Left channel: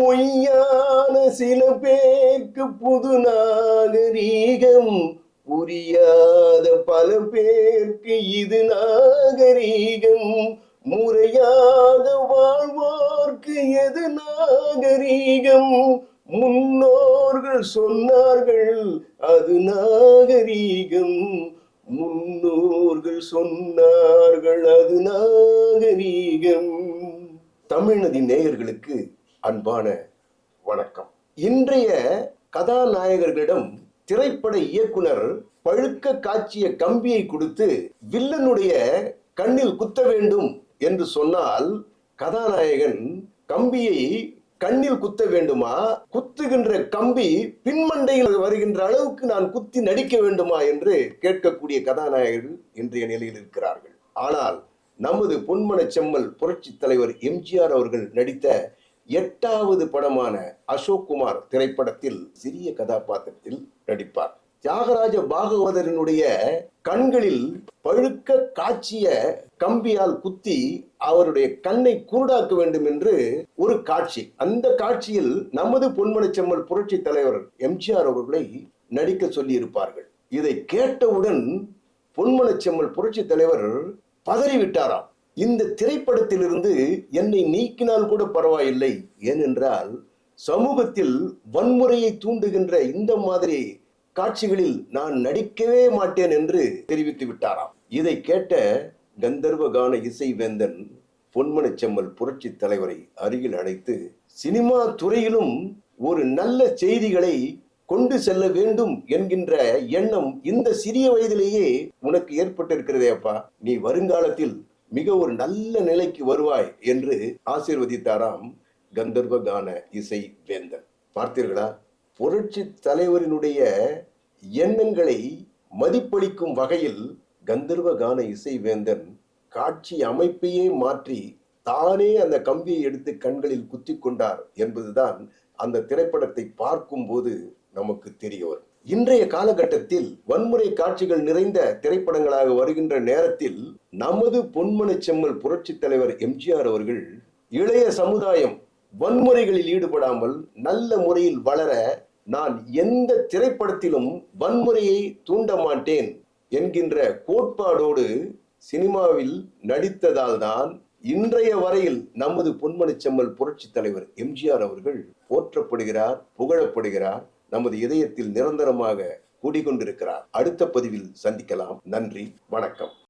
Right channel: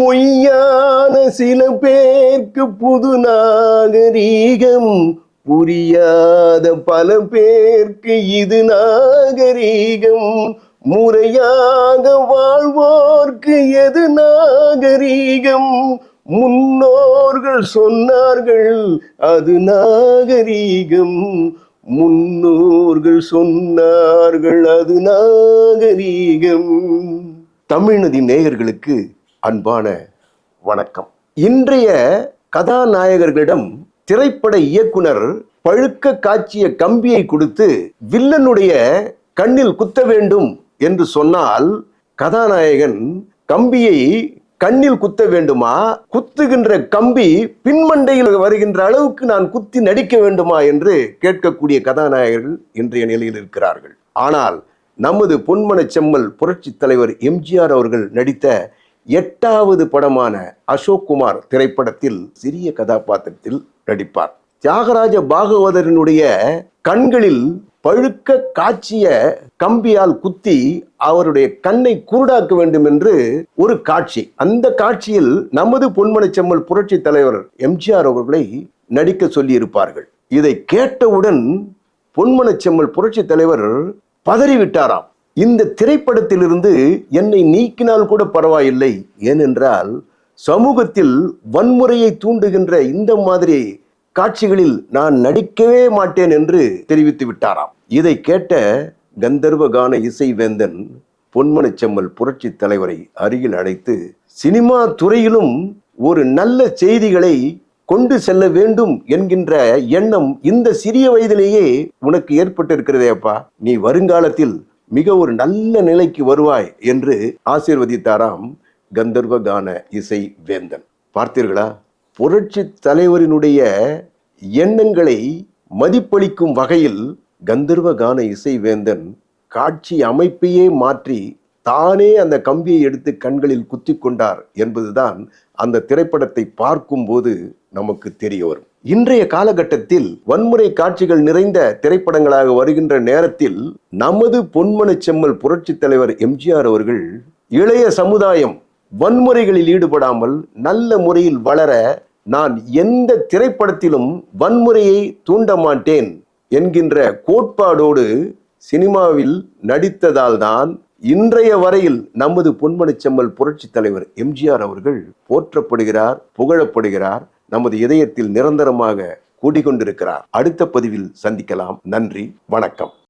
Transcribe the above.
பொய்யான சில பேர்க்கு புது நாகரீகம் புரியாத பல பேர்க்கு இது நாகரீகம். முறையாக வாழ்வோர்க்கு எது நாகரீகம்? முன்னோர்கள் சொன்னார்கள் அது நாகரீகம். முன்னோர்கள் சொன்னார்கள் அது நாகரீகம். தமிழ்நதி நேயர்களுக்கு அன்பான வணக்கம். இன்றைய கதாநாயகர்களிடம் திரைப்பட இயக்குனர் பழுக்க காட்சிய கம்பியை கொடுத்து வில்லனுடைய கண்ணில் குத்த வேண்டும் என்று சொன்னால் கதாநாயகன் கம்பியை கண்ணில் குத்த வேண்டுமா? குத்துகின்ற கம்பி பின்மண்டையில் வருகின்ற அளவுக்கு நான் குத்தி நடிக்க வேண்டுமா என்று கேட்கக்கூடிய கதாநாயகர்கள் இன்றைய நிலையில் இருக்கிறார்கள். ஆனால் நமது பொன்மன செம்மல் புரட்சி தலைவர் எம்ஜிஆர் அவர்கள் நடித்த எட்டாவது படமான அசோக் குமார் திரைப்படத்தில் சிறிய கதாபாத்திரத்தில் நடிப்பார். தியாகராஜ பாகவதரனுடைய கண்களில் பழுக்க காட்சிய கம்பியால் குத்தி அவருடைய கண்ணை குருடாக்க வேண்டும் என்று ஒரு காட்சி. அந்த காட்சியில் நமது பொன்மனச்செம்மல் புரட்சி தலைவர் எம்ஜிஆர் அவர்களை நடிக்க சொல்லி இருப்பார்கள் இதை கேட்டவுடன் பொன்மனச்செம்மல் புரட்சி தலைவர் பதறிவிட்டாராம். இந்த திரைப்படத்திலிருந்து என்னை நீக்கினால் கூட பரவாயில்லை. ஏனென்றால் சமூகத்தில் வன்முறையை தூண்டுகின்ற இந்த மாதிரி காட்சிகளில் நான் நடிக்கவே மாட்டேன் என்று தெரிவித்து விட்டாராம். இதை கேட்ட கந்தர்வ கான இசை வேந்தன் பொன்மனச்செம்மல் புரட்சி தலைவரை அருகில் அழைத்து சினிமா துறையிலும் ஒரு நல்ல செய்திகளை கொண்டு செல்ல வேண்டும் என்கின்ற எண்ணம் இந்த சிறிய வயதிலேயே உனக்கு ஏற்பட்டிருக்கிறதே அப்பா நீ வருங்காலத்தில் மிக ஒரு நல்ல நிலைக்கு வருவாய் என்று ஆசீர்வதித்தாராம் கந்தர்வகான இசை வேந்தன். பார்த்தீர்களா? புரட்சி தலைவரினுடைய எண்ணங்களை மதிப்பளிக்கும் வகையில் கந்தர்வ கான இசை வேந்தன் காட்சி அமைப்பையே மாற்றி தானே அந்த கம்பியை எடுத்து கண்களில் குத்தி கொண்டார் என்பதுதான் அந்த திரைப்படத்தை பார்க்கும்போது நமக்கு தெரிய வரும். இன்றைய காலகட்டத்தில் வன்முறை காட்சிகள் நிறைந்த திரைப்படங்களாக வருகின்ற நேரத்தில் நமது பொன்மன செம்மல் புரட்சி தலைவர் எம்ஜிஆர் அவர்கள் இளைய சமுதாயம் வன்முறைகளில் ஈடுபடாமல் நல்ல முறையில் வளர நான் எந்த திரைப்படத்திலும் வன்முறையை தூண்ட மாட்டேன் என்கின்ற கோட்பாடோடு சினிமாவில் நடித்ததால் தான் இன்றைய வரையில் நமது பொன்மனச்செம்மல் புரட்சி தலைவர் எம்ஜிஆர் அவர்கள் போற்றப்படுகிறார் புகழப்படுகிறார். நமது இதயத்தில் நிரந்தரமாக கூடிக்கொண்டிருக்கிறார். அடுத்த பதிவில் சந்திக்கலாம். நன்றி. வணக்கம்.